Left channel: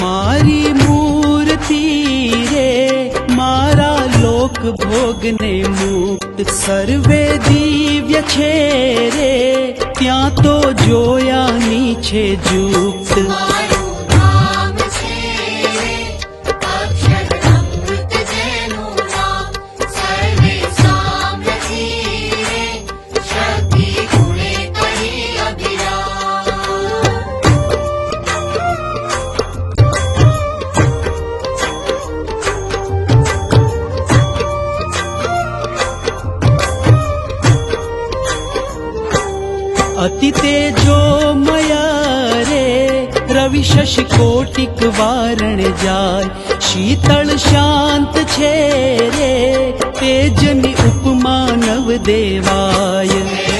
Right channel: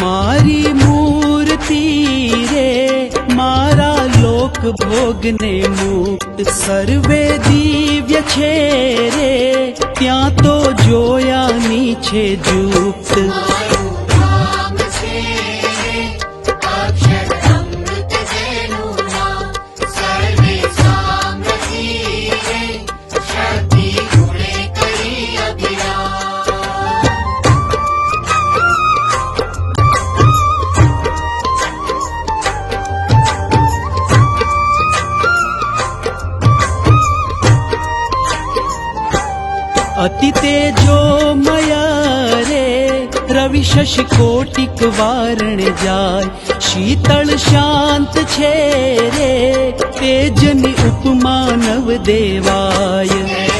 मारी मूर्ति रे मारा लोक भोगने मुक्त सर्वे दिव्य छे रे त्या तो जोयानी छे जुक्त अति तेजो मया रे रवि शशि कोटिक वारण जाय शीतल शांत छे रे तेजनी उपमा नव देवाय।